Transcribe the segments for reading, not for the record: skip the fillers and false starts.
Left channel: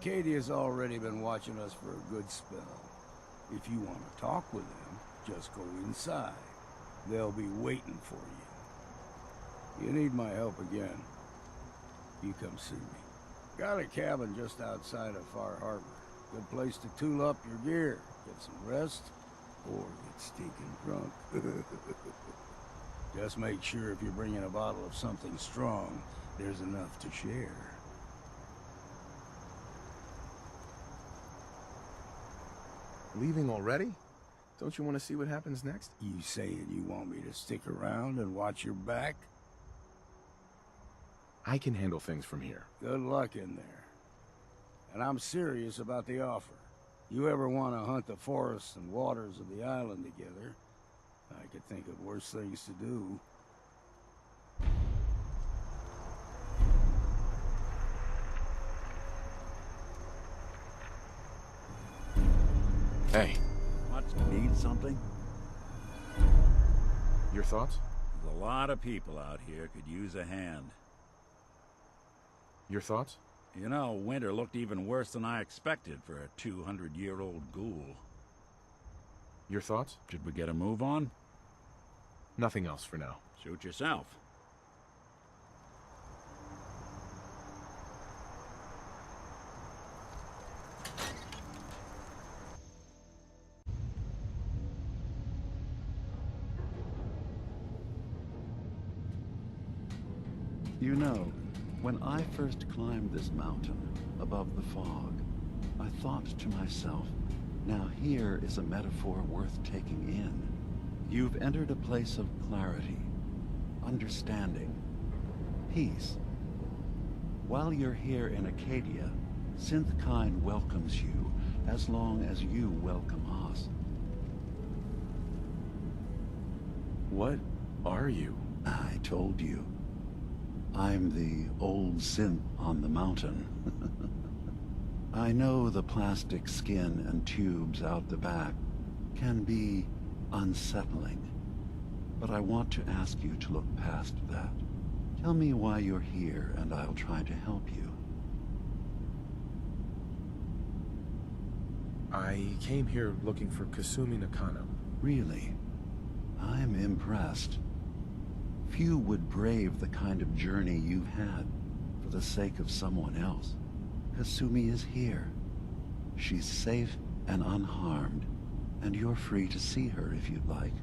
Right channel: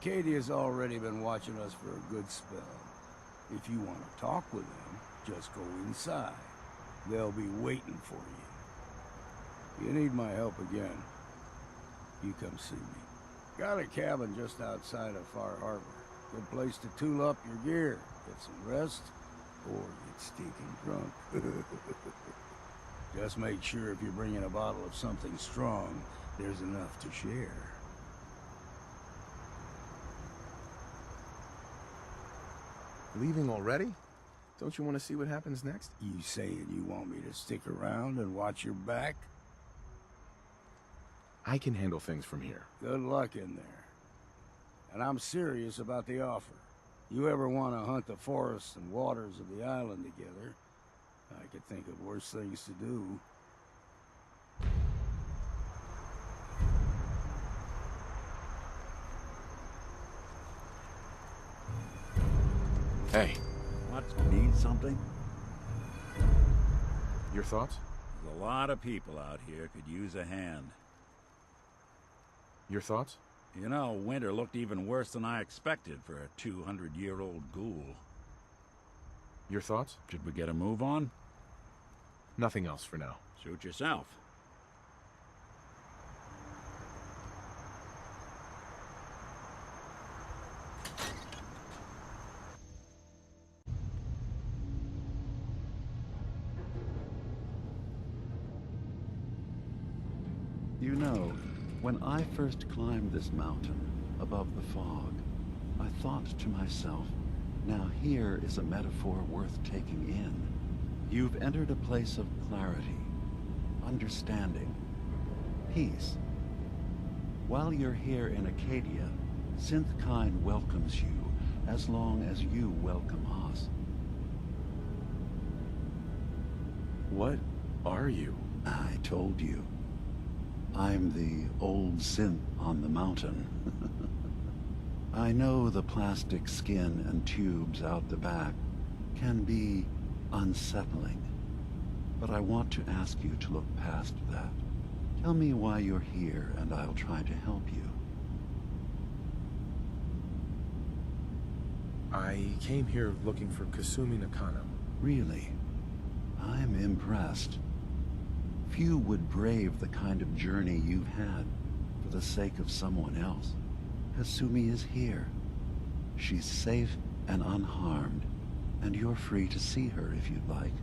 Acadia's already been watching us for a good spell. If you want to talk with them, just go inside. They'll be waiting for you. You need my help again, you come see me. Got a cabin just outside of Far Harbor. Good place to tool up your gear, get some rest, or get stinking drunk. Just make sure if you're bringing a bottle of something strong, there's enough to share. Leaving already? Don't you want to see what happens next? You saying you want me to stick around and watch your back? I can handle things from here. Good luck in there. And I'm serious about the offer. You ever want to hunt the forests and waters of the island together, I could think of worse things to do. Hey, What? Need something? your thoughts? There's a lot of people out here could use a hand. Your thoughts? You know, winter looked even worse than I expected for a 200-year-old ghoul. Your thoughts? Should we get a move on? Nothing else for now. Suit yourself. You know, when I first climbed this mountain above the fog, I thought to myself, now here is a metaphor worth taking in. You've entered a place of clarity, understanding, peace. While you're here in Acadia, Synthkind welcomes you as long as you welcome us. What are you? I told you. I'm the old synth on the mountain. I know the plastic skin and tubes out the back can be unsettling, but I want to ask you to look past that. Tell me why you're here, and I'll try to help you. I came here looking for Kasumi Nakano. Really? I'm impressed. Few would brave the kind of journey you've had for the sake of someone else. Kasumi is here. She's safe and unharmed, and you're free to see her if you'd like.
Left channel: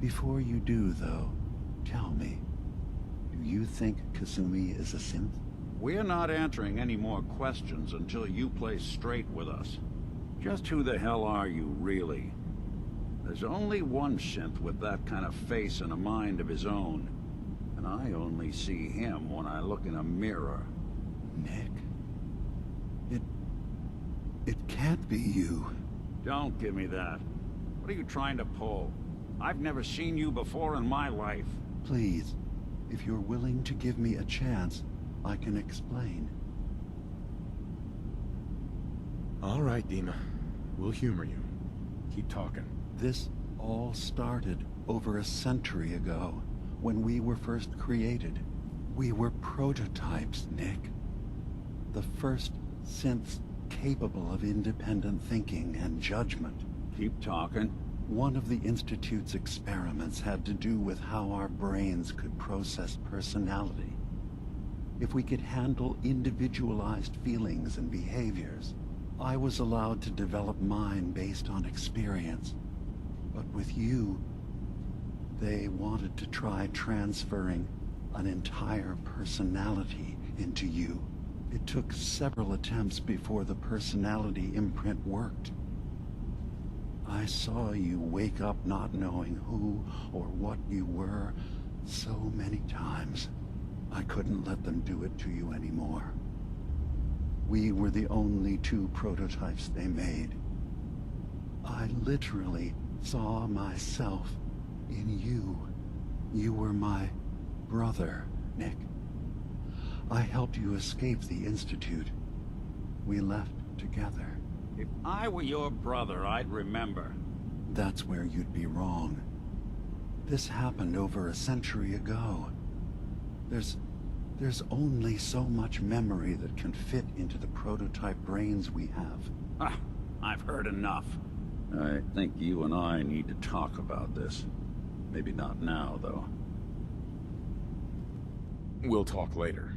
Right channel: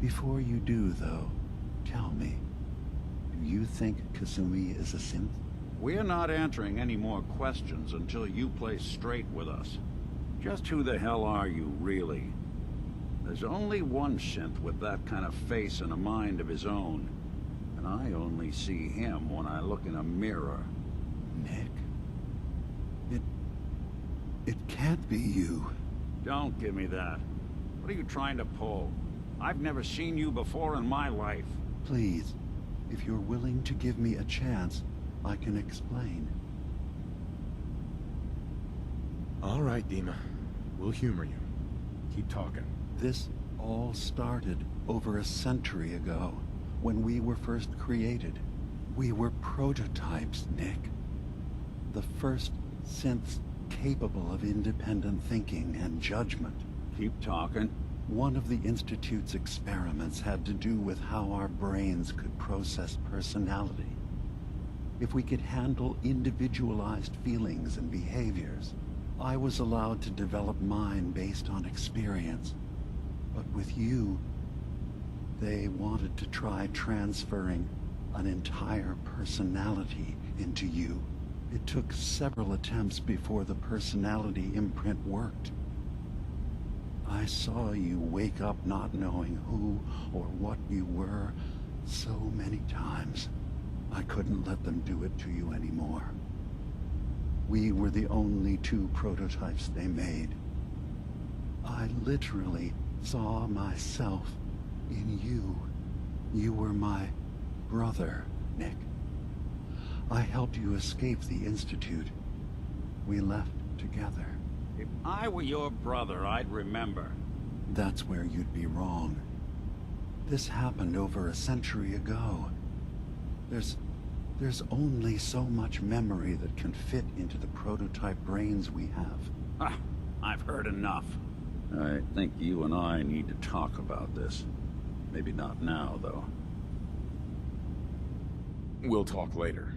Before you do, though, tell me, do you think Kasumi is a synth? We're not answering any more questions until you play straight with us. Just who the hell are you, really? There's only one synth with that kind of face and a mind of his own. And I only see him when I look in a mirror. Nick? It can't be you. Don't give me that. What are you trying to pull? I've never seen you before in my life. Please, if you're willing to give me a chance, I can explain. All right, Dima. We'll humor you. Keep talking. This all started over a century ago, when we were first created. We were prototypes, Nick. The first synths capable of independent thinking and judgment. Keep talking. One of the Institute's experiments had to do with how our brains could process personality. If we could handle individualized feelings and behaviors, I was allowed to develop mine based on experience. But with you, they wanted to try transferring an entire personality into you. It took several attempts before the personality imprint worked. I saw you wake up not knowing who or what you were so many times. I couldn't let them do it to you anymore. We were the only two prototypes they made. I literally saw myself in you. You were my brother, Nick. I helped you escape the Institute. We left together. If I were your brother, I'd remember. That's where you'd be wrong. This happened over a century ago. There's There's only so much memory that can fit into the prototype brains we have. Ah, I've heard enough. I think you and I need to talk about this. Maybe not now, though. We'll talk later.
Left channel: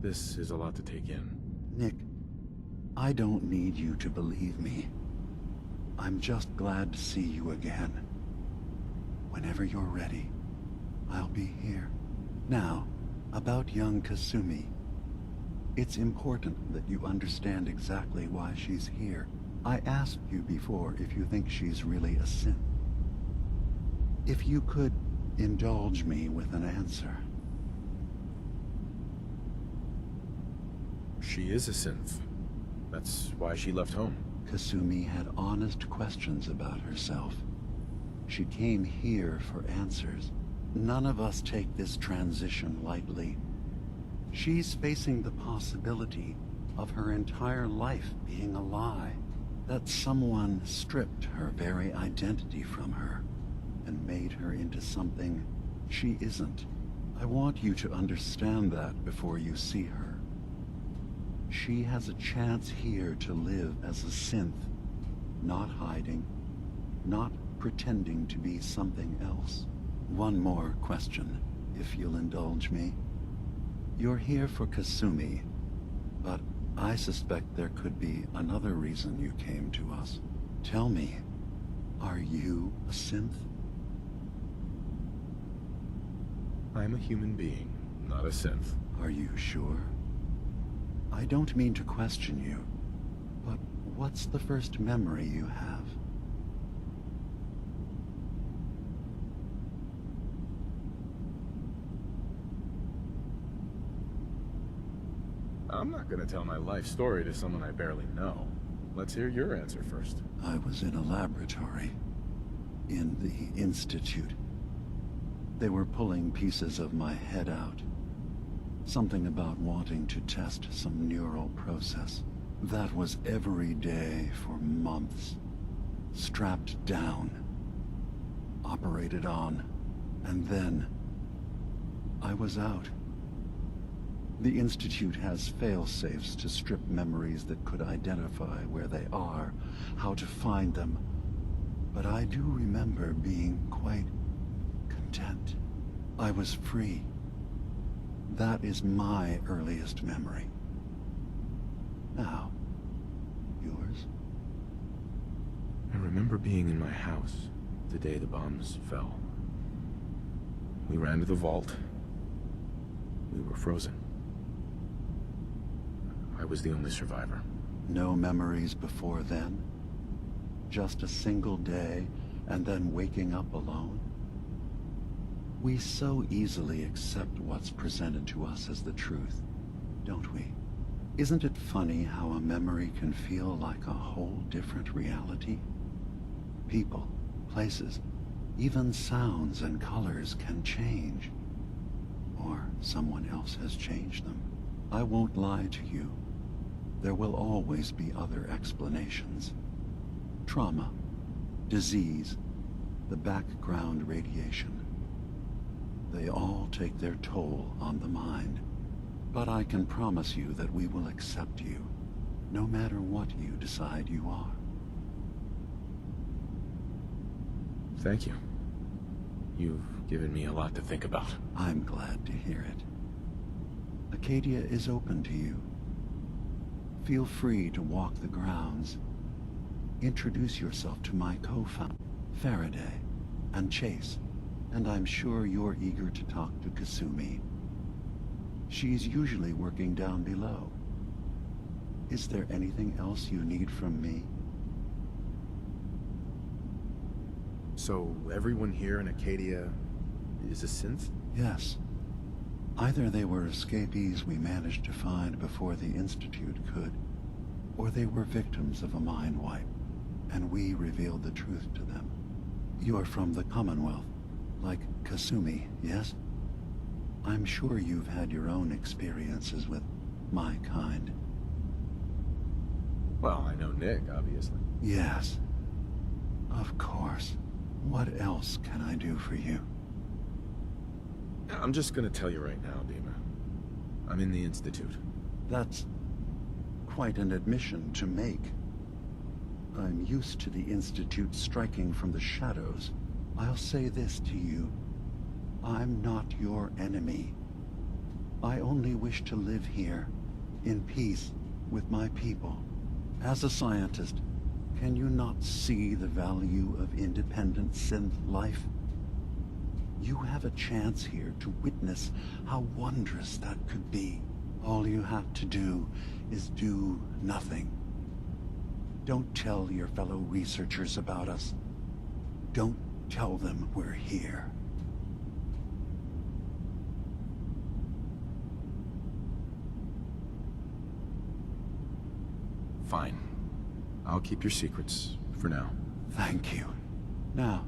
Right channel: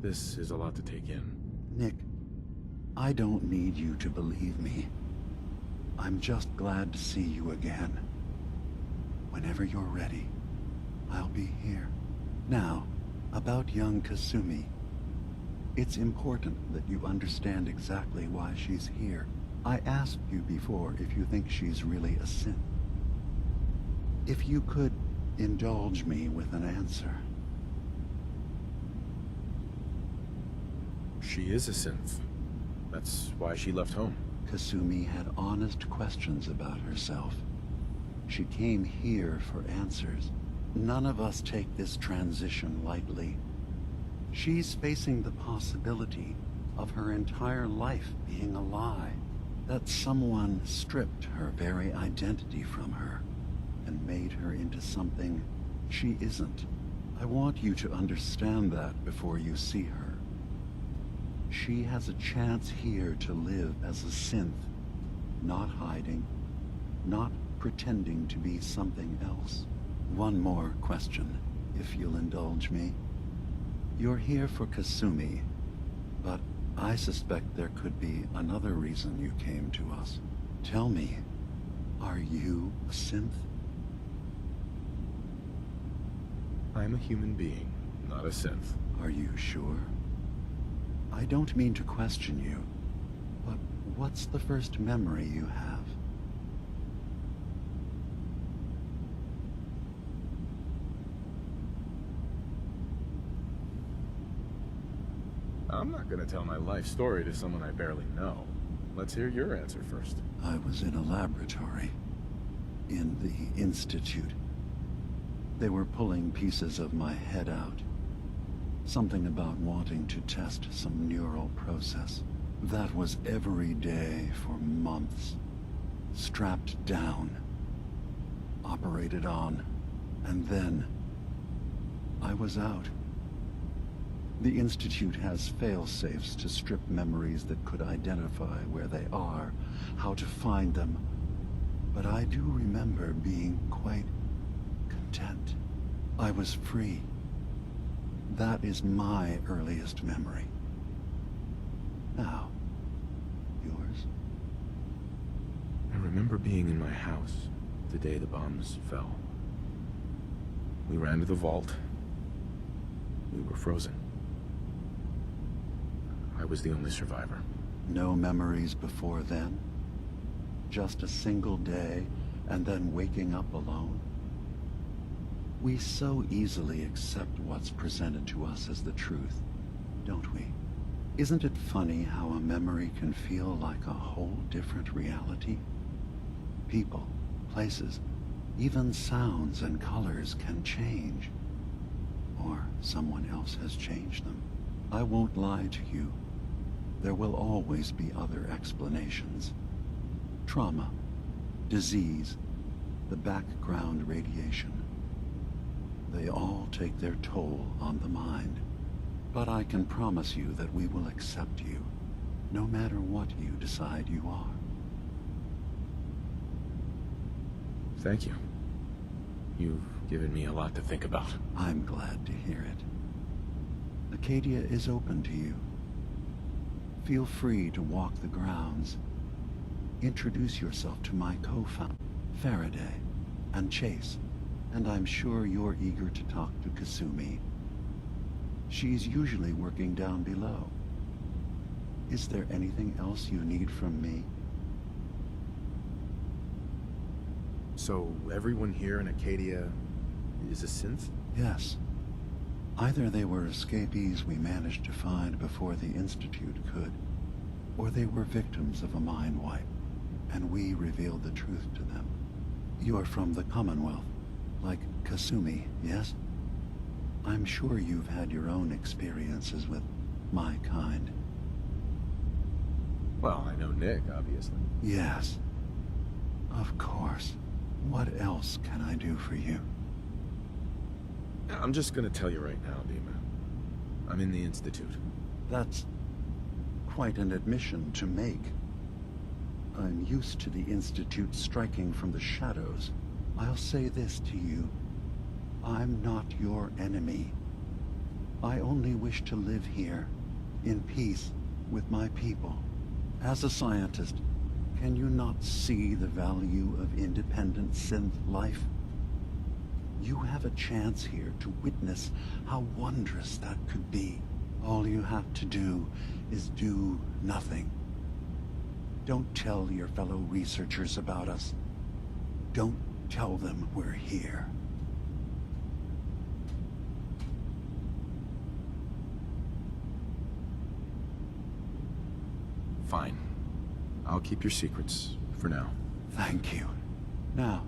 This is a lot to take in. Nick, I don't need you to believe me. I'm just glad to see you again. Whenever you're ready, I'll be here. Now, about young Kasumi. It's important that you understand exactly why she's here. I asked you before if you think she's really a synth. If you could indulge me with an answer. She is a synth. That's why she left home. Kasumi had honest questions about herself. She came here for answers. None of us take this transition lightly. She's facing the possibility of her entire life being a lie. That someone stripped her very identity from her and made her into something she isn't. I want you to understand that before you see her. She has a chance here to live as a synth, not hiding, not pretending to be something else. One more question, if you'll indulge me. You're here for Kasumi, but I suspect there could be another reason you came to us. Tell me, are you a synth? I'm a human being, not a synth. Are you sure? I don't mean to question you, but what's the first memory you have? I'm not gonna tell my life story to someone I barely know. Let's hear your answer first. I was in a laboratory. In the Institute. They were pulling pieces of my head out. Something about wanting to test some neural process. That was every day for months. Strapped down. Operated on. And then I was out. The Institute has fail-safes to strip memories that could identify where they are, how to find them. But I do remember being quite content. I was free. That is my earliest memory. Now, yours? I remember being in my house the day the bombs fell. We ran to the vault. We were frozen. I was the only survivor. No memories before then? Just a single day, and then waking up alone? We so easily accept what's presented to us as the truth, don't we? Isn't it funny how a memory can feel like a whole different reality? People, places, even sounds and colors can change. Or someone else has changed them. I won't lie to you. There will always be other explanations. Trauma, disease, the background radiation. They all take their toll on the mind. But I can promise you that we will accept you, no matter what you decide you are. Thank you. You've given me a lot to think about. I'm glad to hear it. Acadia is open to you. Feel free to walk the grounds. Introduce yourself to my co-founder, Faraday, and Chase, and I'm sure you're eager to talk to Kasumi. She's usually working down below. Is there anything else you need from me? So, everyone here in Acadia is a synth? Yes. Either they were escapees we managed to find before the Institute could, or they were victims of a mind wipe, and we revealed the truth to them. You're from the Commonwealth, like Kasumi, yes? I'm sure you've had your own experiences with my kind. Well, I know Nick, obviously. Yes. Of course. What else can I do for you? I'm just gonna tell you right now, Dima. I'm in the Institute. That's quite an admission to make. I'm used to the Institute striking from the shadows. I'll say this to you. I'm not your enemy. I only wish to live here, in peace, with my people. As a scientist, can you not see the value of independent synth life? You have a chance here to witness how wondrous that could be. All you have to do is do nothing. Don't tell your fellow researchers about us. Don't tell them we're here. Fine. I'll keep your secrets for now. Thank you. Now,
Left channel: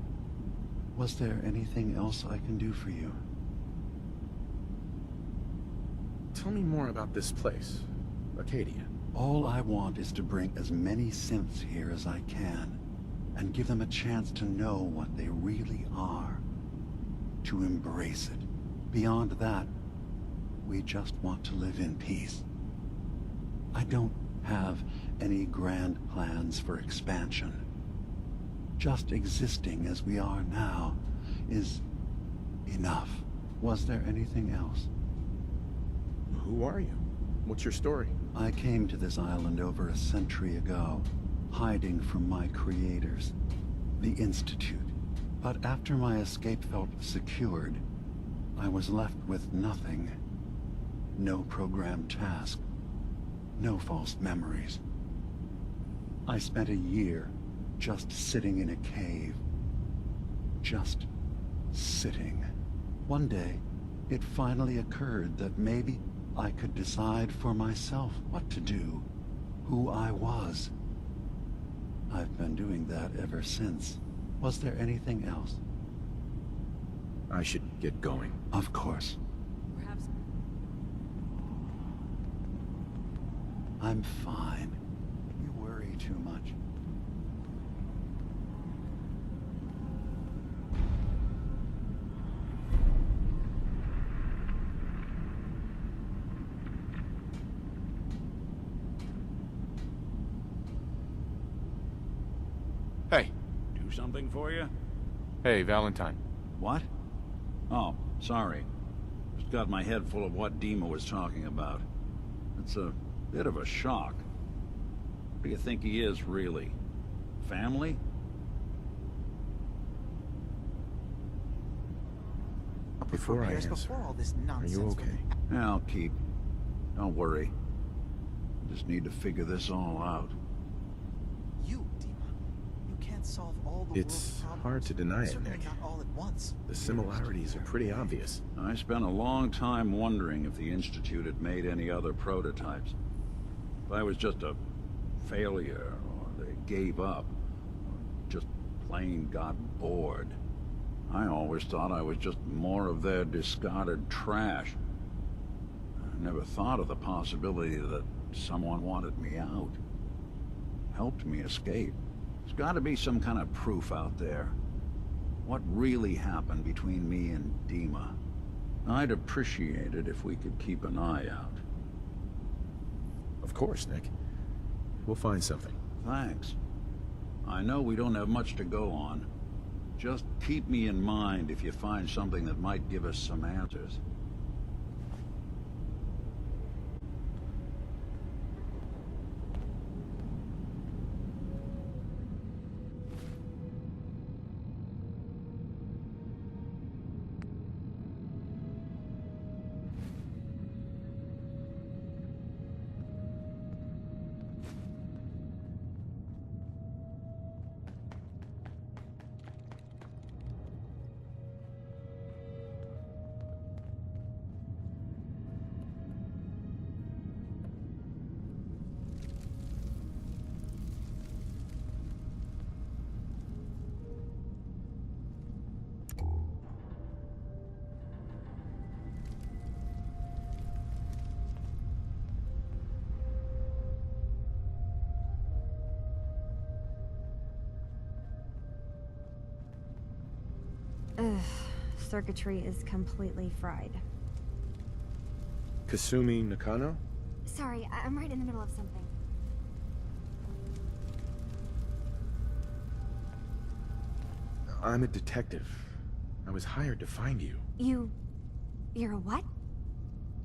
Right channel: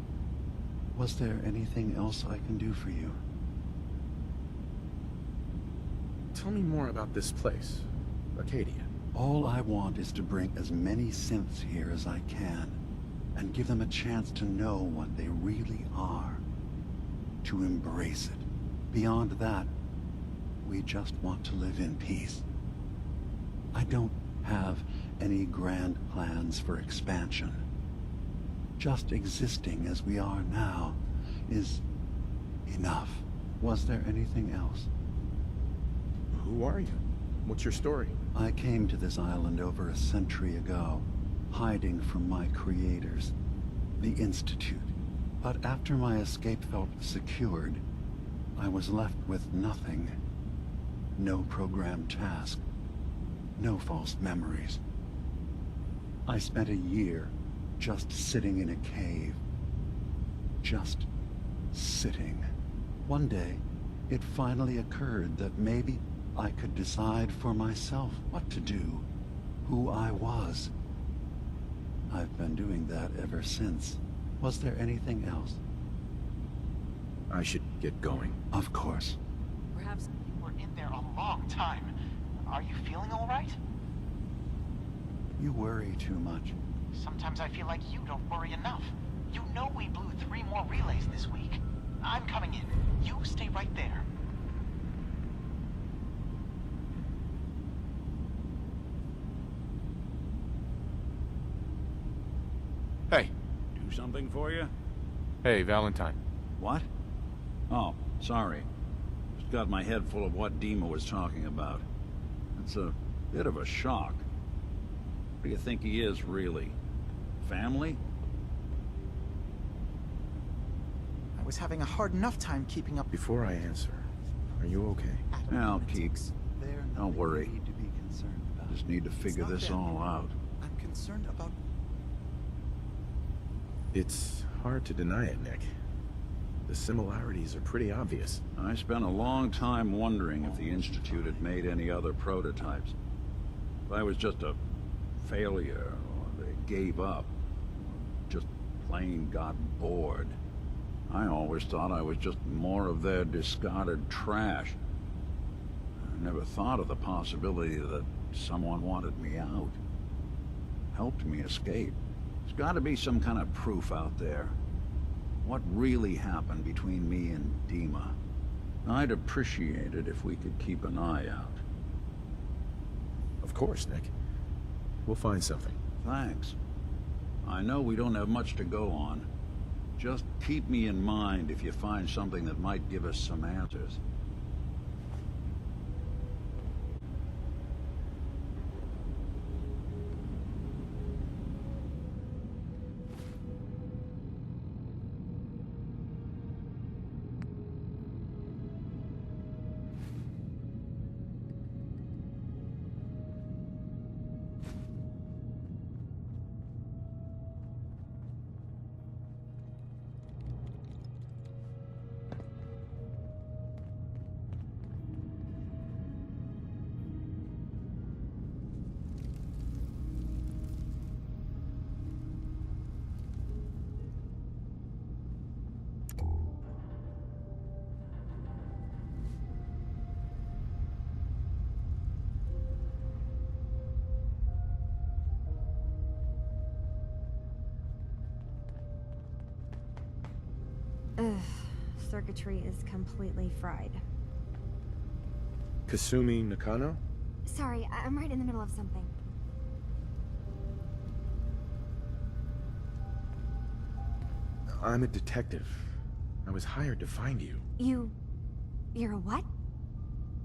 was there anything else I can do for you? Tell me more about this place, Acadia. All I want is to bring as many synths here as I can, and give them a chance to know what they really are. To embrace it. Beyond that, we just want to live in peace. I don't have any grand plans for expansion. Just existing as we are now is enough. Was there anything else? Who are you? What's your story? I came to this island over a century ago, hiding from my creators, the Institute. But after my escape felt secured, I was left with nothing. No programmed task. No false memories. I spent a year just sitting in a cave. Just sitting. One day, it finally occurred that maybe I could decide for myself what to do, who I was. I've been doing that ever since. Was there anything else? I should get going. Of course. Perhaps we're in there a long time. Are you feeling all right? I'm fine. You worry too much. Sometimes I feel like you don't worry enough. You know we blew 3 more relays this week. I'm coming in. You stay right there. Hey. Do something for you? Hey, Valentine. What? Oh, sorry. Just got my head full of what Dima was talking about. It's a bit of a shock. What do you think he is, really? Family? I was having a hard enough time keeping up with Before I repairs answer, before all this are nonsense you with okay? Atlas I'll keep. Analytics. They're Don't worry. Need to be concerned about. Just need to figure this all out. I'm concerned about you, Dima. You can't solve all the It's world's hard to problems, deny it, certainly Nick. not all at once. The similarities are pretty obvious. I spent a long time wondering if the Institute had made any other prototypes. If I was just a failure, or they gave up, or just plain got bored. I always thought I was just more of their discarded trash. I never thought of the possibility that someone wanted me out. Helped me escape. There's got to be some kind of proof out there. What really happened between me and Dima? I'd appreciate it if we could keep an eye out. Of course, Nick. We'll find something. Thanks. I know we don't have much to go on. Just keep me in mind if you find something that might give us some answers. Ugh, circuitry is completely fried. Kasumi Nakano? Sorry, I'm right in the middle of something. I'm a detective. I was hired to find you. You're a what?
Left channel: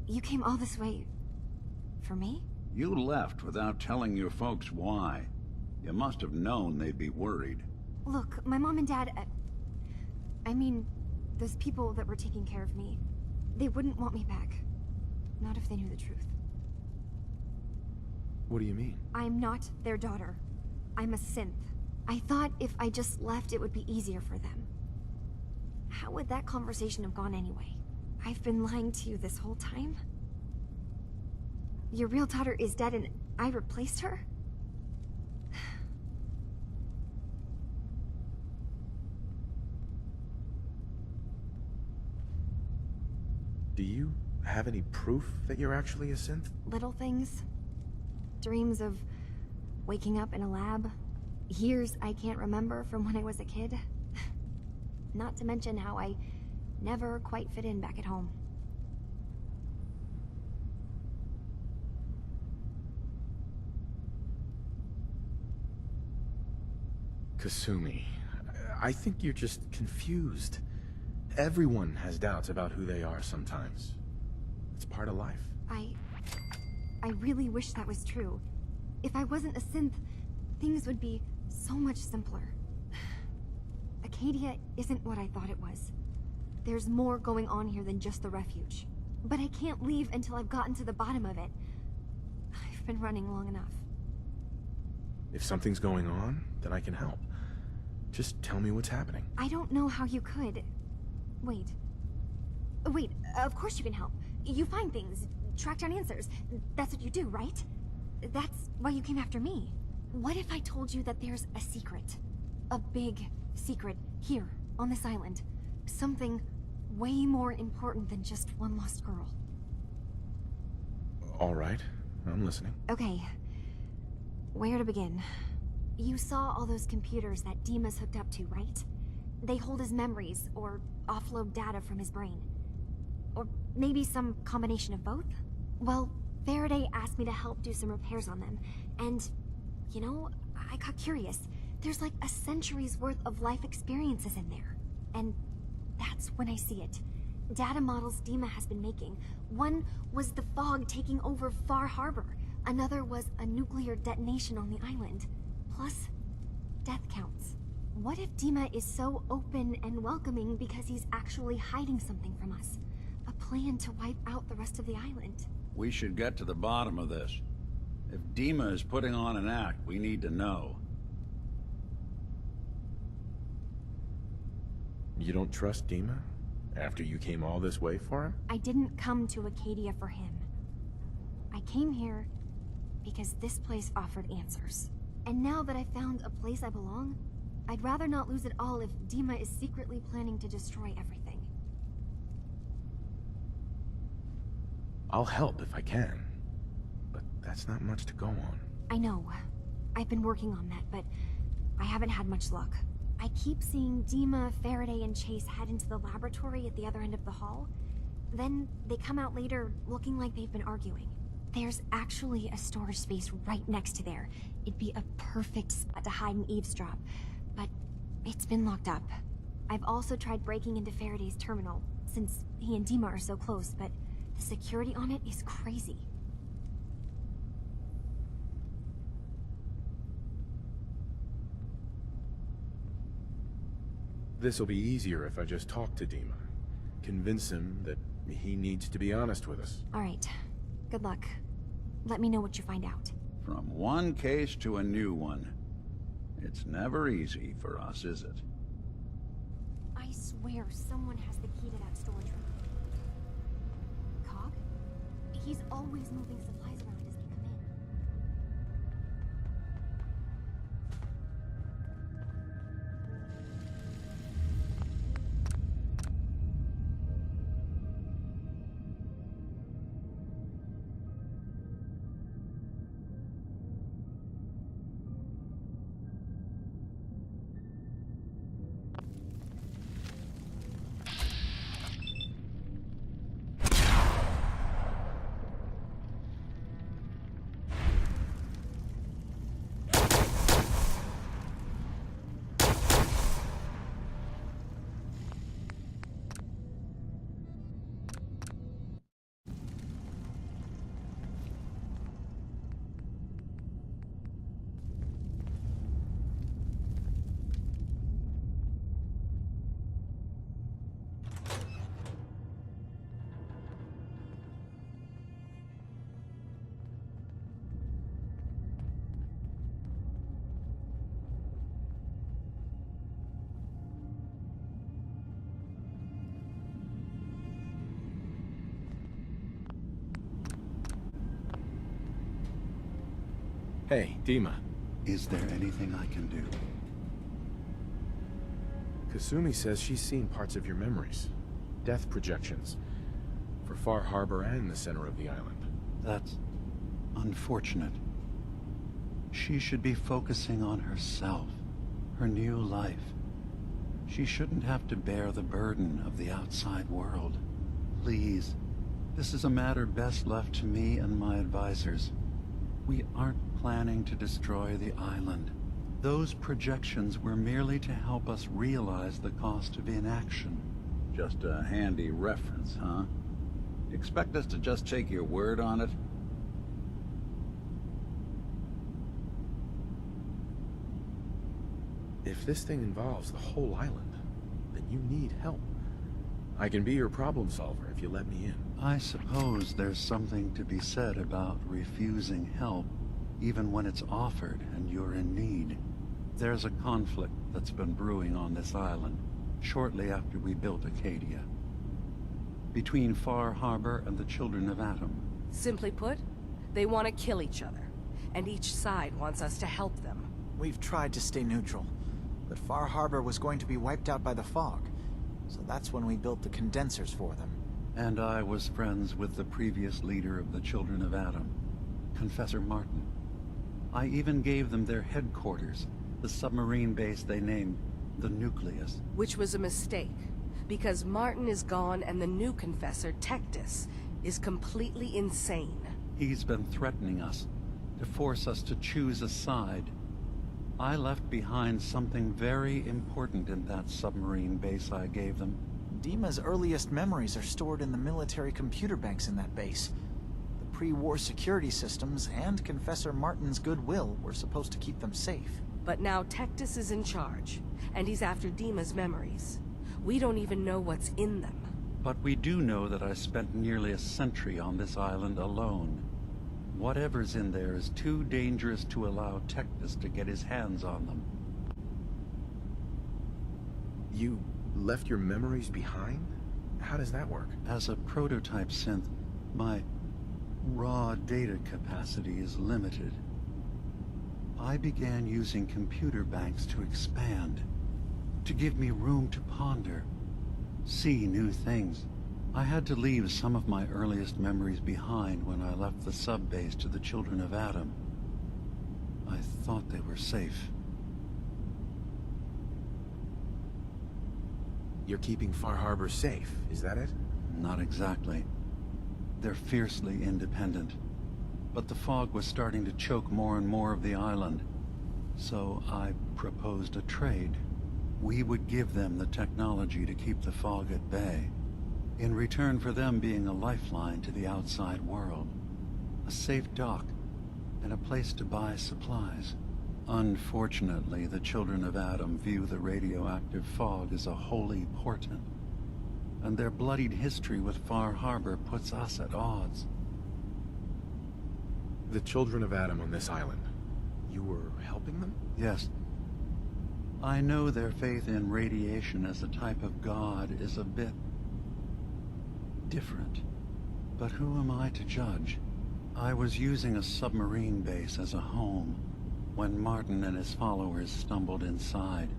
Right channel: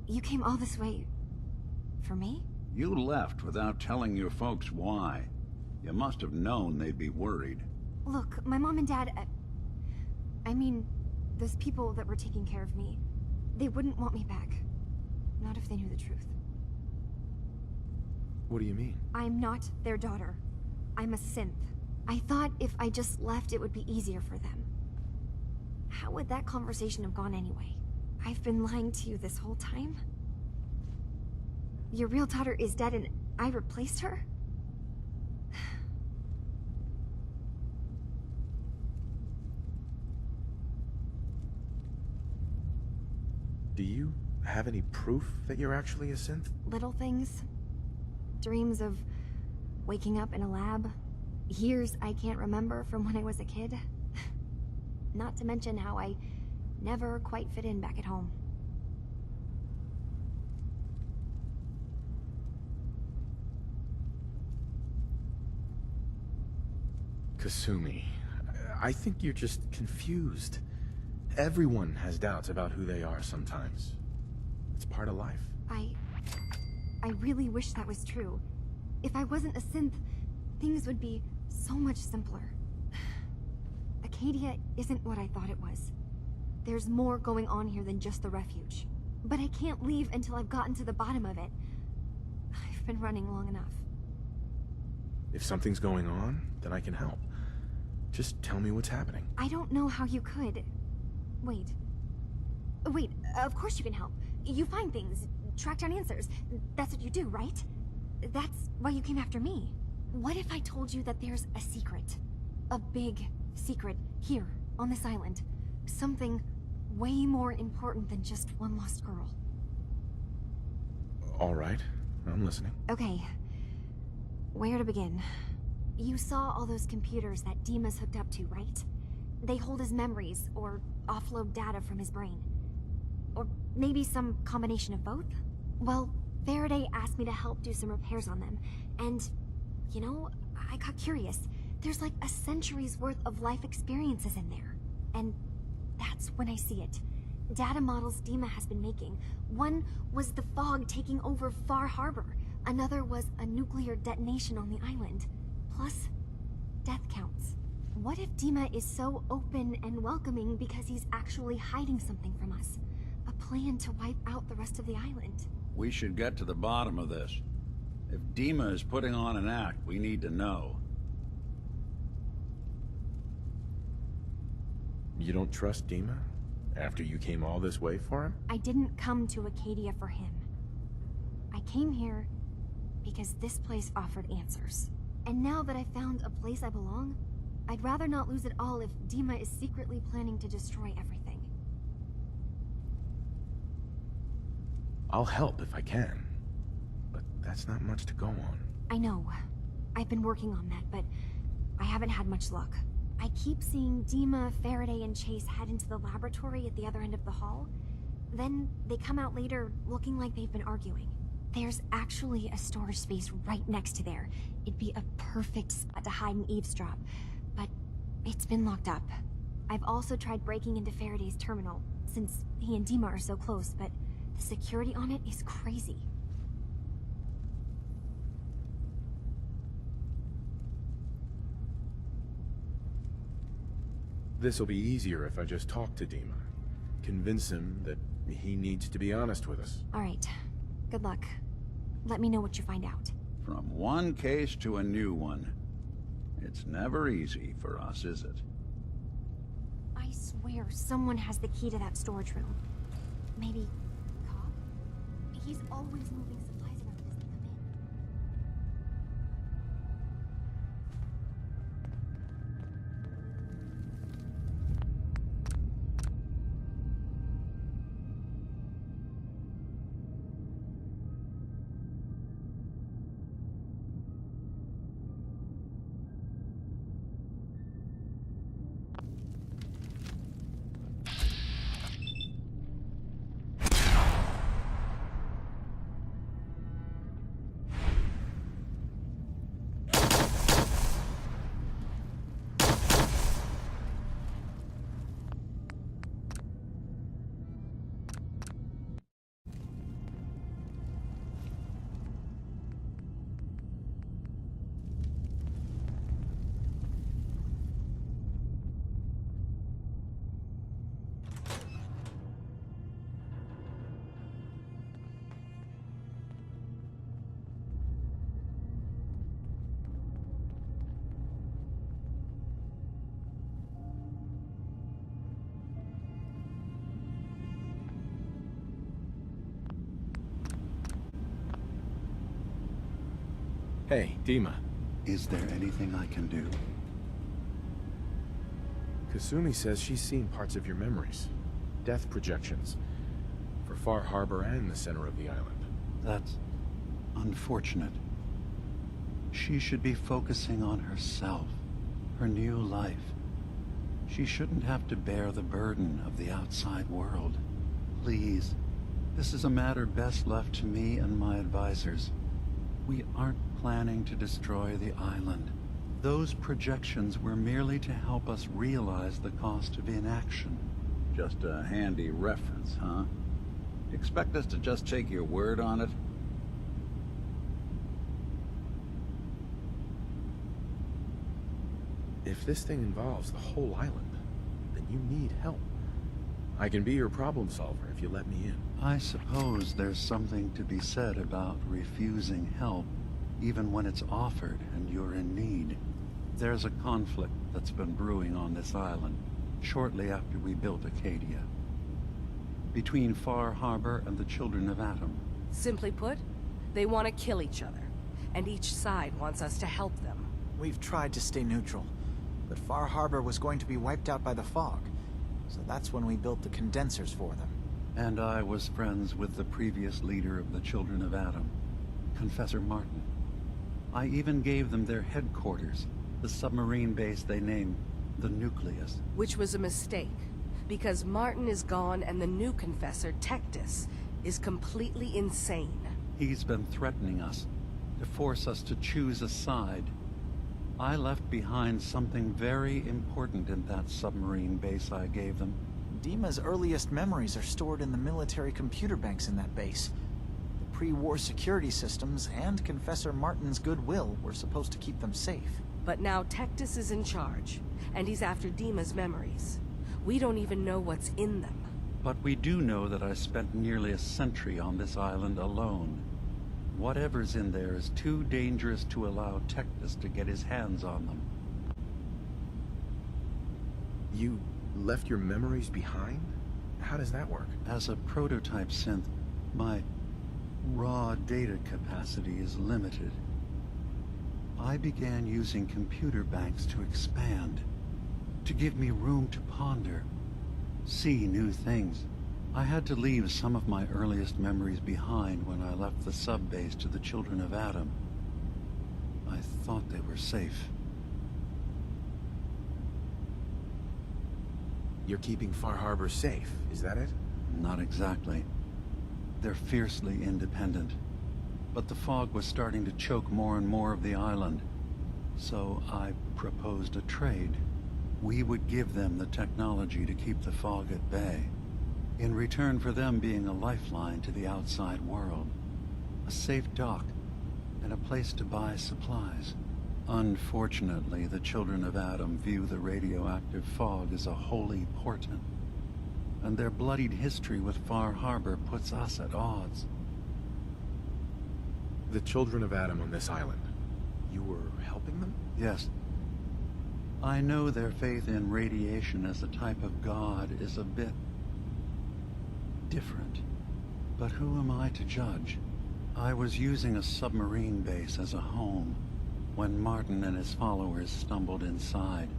You came all this way... for me? You left without telling your folks why. You must have known they'd be worried. Look, my mom and dad... I mean, those people that were taking care of me, they wouldn't want me back. Not if they knew the truth. What do you mean? I'm not their daughter. I'm a synth. I thought if I just left, it would be easier for them. How would that conversation have gone anyway? I've been lying to you this whole time? Your real daughter is dead and I replaced her? Do you have any proof that you're actually a synth? Little things. Dreams of waking up in a lab. Years I can't remember from when I was a kid. Not to mention how I never quite fit in back at home. Kasumi, I think you're just confused. Everyone has doubts about who they are sometimes. It's part of life. I really wish that was true. If I wasn't a synth, things would be so much simpler. Acadia isn't what I thought it was. There's more going on here than just the refuge. But I can't leave until I've gotten to the bottom of it. I've been running long enough. If something's going on, then I can help. Just tell me what's happening. I don't know how you could. Wait, of course you can help. You find things, track down answers. That's what you do, right? That's why you came after me. What if I told you that there's a secret? A big secret here, on this island. Something way more important than just one lost girl. All right, I'm listening. Okay, where to begin? You saw all those computers that Dima's hooked up to, right? They hold his memories, or offload data from his brain. Or maybe some combination of both? Well, Faraday asked me to help do some repairs on them, and, you know, I got curious. There's like a century's worth of life experiences in there. And that's when I see it. Data models Dima has been making. One was the fog taking over Far Harbor. Another was a nuclear detonation on the island. Plus, death counts. What if Dima is so open and welcoming because he's actually hiding something from us? A plan to wipe out the rest of the island. We should get to the bottom of this. If Dima is putting on an act, we need to know. You don't trust Dima? After you came all this way for him? I didn't come to Acadia for him. I came here because this place offered answers. And now that I found a place I belong, I'd rather not lose it all if Dima is secretly planning to destroy everything. I'll help if I can. But that's not much to go on. I know. I've been working on that, but I haven't had much luck. I keep seeing Dima, Faraday, and Chase head into the laboratory at the other end of the hall. Then they come out later looking like they've been arguing. There's actually a storage space right next to there. It'd be a perfect spot to hide and eavesdrop, but it's been locked up. I've also tried breaking into Faraday's terminal, since he and Dima are so close, but the security on it is crazy. This'll be easier if I just talk to Dima. Convince him that he needs to be honest with us. All right. Good luck. Let me know what you find out. From one case to a new one. It's never easy for us, is it? I swear someone has the key to that storage room. Maybe Cog? He's always moving supplies around as they come in. Hey, Dima. Is there anything I can do? Kasumi says she's seen parts of your memories. Death projections. For Far Harbor and the center of the island. That's unfortunate. She should be focusing on herself, her new life. She shouldn't have to bear the burden of the outside world. Please, this is a matter best left to me and my advisors. We aren't planning to destroy the island. Those projections were merely to help us realize the cost of inaction. Just a handy reference, huh? Expect us to just take your word on it? If this thing involves the whole island, then you need help. I can be your problem solver if you let me in. I suppose there's something to be said about refusing help, even when it's offered and you're in need. There's a conflict that's been brewing on this island, shortly after we built Acadia. Between Far Harbor and the Children of Atom. Simply put, they want to kill each other, and each side wants us to help them. We've tried to stay neutral, but Far Harbor was going to be wiped out by the fog, so that's when we built the condensers for them. And I was friends with the previous leader of the Children of Atom, Confessor Martin. I even gave them their headquarters, the submarine base they named the Nucleus. Which was a mistake, because Martin is gone and the new Confessor, Tectus, is completely insane. He's been threatening us, to force us to choose a side. I left behind something very important in that submarine base I gave them. Dima's earliest memories are stored in the military computer banks in that base. The pre-war security systems and Confessor Martin's goodwill were supposed to keep them safe. But now Tectus is in charge, and he's after Dima's memories. We don't even know what's in them. But we do know that I spent nearly a century on this island alone. Whatever's in there is too dangerous to allow Tectus to get his hands on them. You left your memories behind? How does that work? As a prototype synth, my raw data capacity is limited. I began using computer banks to expand, to give me room to ponder, see new things. I had to leave some of my earliest memories behind when I left the sub-base to the Children of Atom. I thought they were safe. You're keeping Far Harbor safe, is that it? Not exactly. They're fiercely independent. But the fog was starting to choke more and more of the island. So I proposed a trade. We would give them the technology to keep the fog at bay, in return for them being a lifeline to the outside world. A safe dock, and a place to buy supplies. Unfortunately, the Children of Atom view the radioactive fog as a holy portent, and their bloodied history with Far Harbor puts us at odds. The Children of Atom on this island. You were helping them? Yes. I know their faith in radiation as a type of god is a bit different. But who am I to judge? I was using a submarine base as a home when Martin and his followers stumbled inside.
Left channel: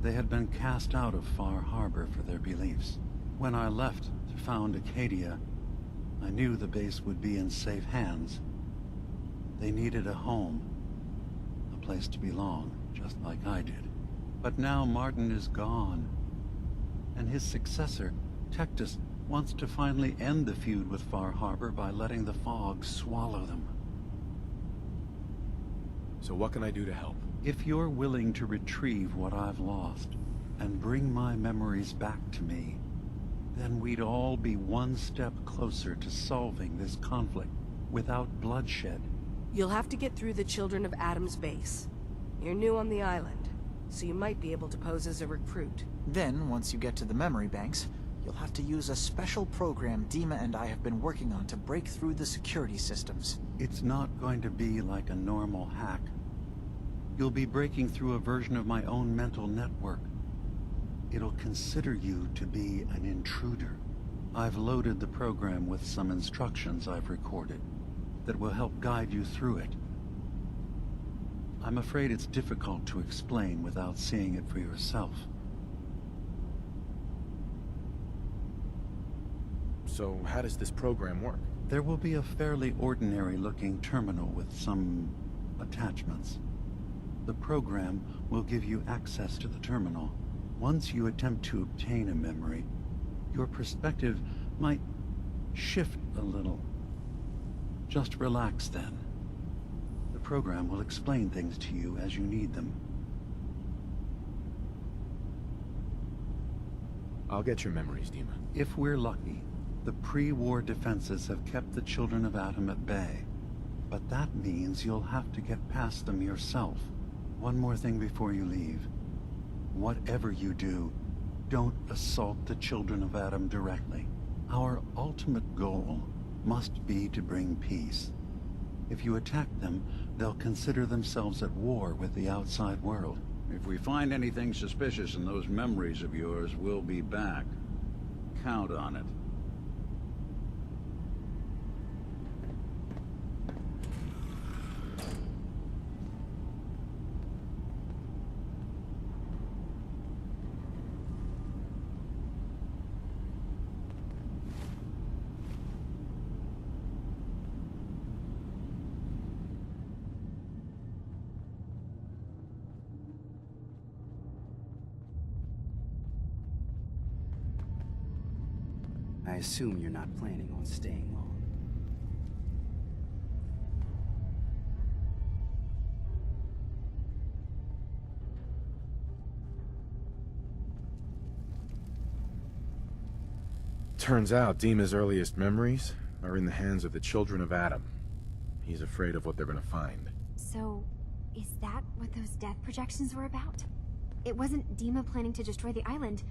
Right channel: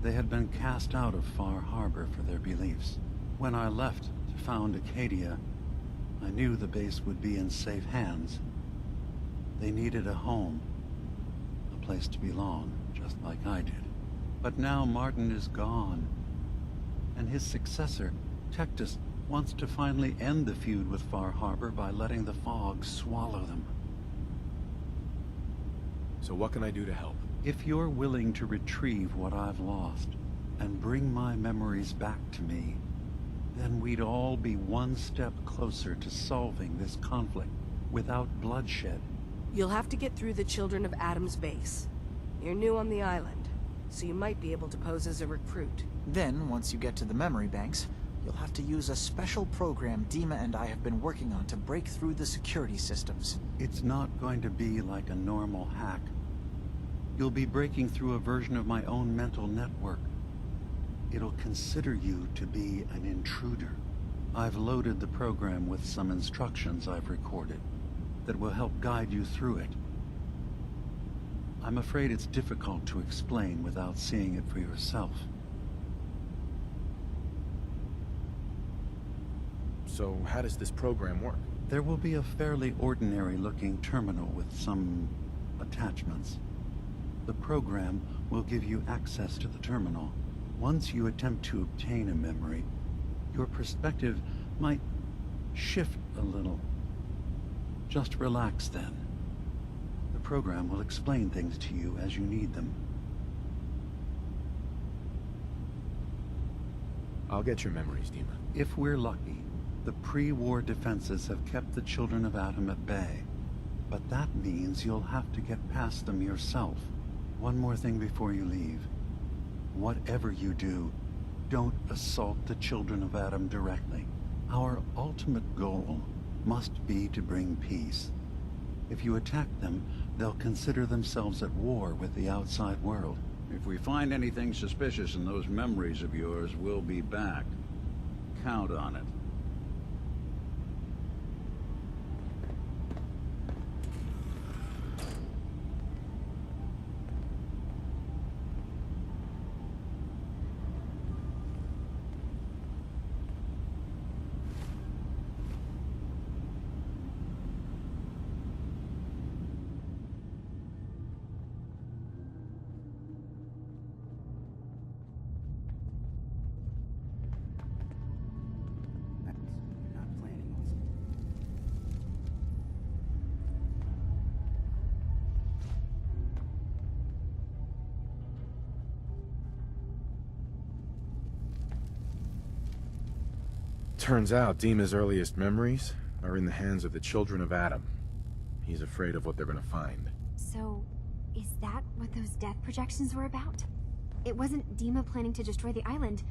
They had been cast out of Far Harbor for their beliefs. When I left to found Acadia, I knew the base would be in safe hands. They needed a home, a place to belong, just like I did. But now Martin is gone, and his successor, Tectus, wants to finally end the feud with Far Harbor by letting the fog swallow them. So what can I do to help? If you're willing to retrieve what I've lost, and bring my memories back to me, then we'd all be one step closer to solving this conflict without bloodshed. You'll have to get through the Children of Atom's base. You're new on the island, so you might be able to pose as a recruit. Then, once you get to the memory banks, you'll have to use a special program Dima and I have been working on to break through the security systems. It's not going to be like a normal hack. You'll be breaking through a version of my own mental network. It'll consider you to be an intruder. I've loaded the program with some instructions I've recorded that will help guide you through it. I'm afraid it's difficult to explain without seeing it for yourself. So how does this program work? There will be a fairly ordinary-looking terminal with some attachments. The program will give you access to the terminal. Once you attempt to obtain a memory, your perspective might shift a little. Just relax then. The program will explain things to you as you need them. I'll get your memories, Dima. If we're lucky, the pre-war defenses have kept the children of Atom at bay. But that means you'll have to get past them yourself. One more thing before you leave. Whatever you do, don't assault the children of Atom directly. Our ultimate goal must be to bring peace. If you attack them, they'll consider themselves at war with the outside world. If we find anything suspicious in those memories of yours, we'll be back. Count on it. I assume you're not planning on staying long. Turns out Dima's earliest memories are in the hands of the children of Atom. He's afraid of what they're gonna find. So, is that what those death projections were about? It wasn't Dima planning to destroy the island.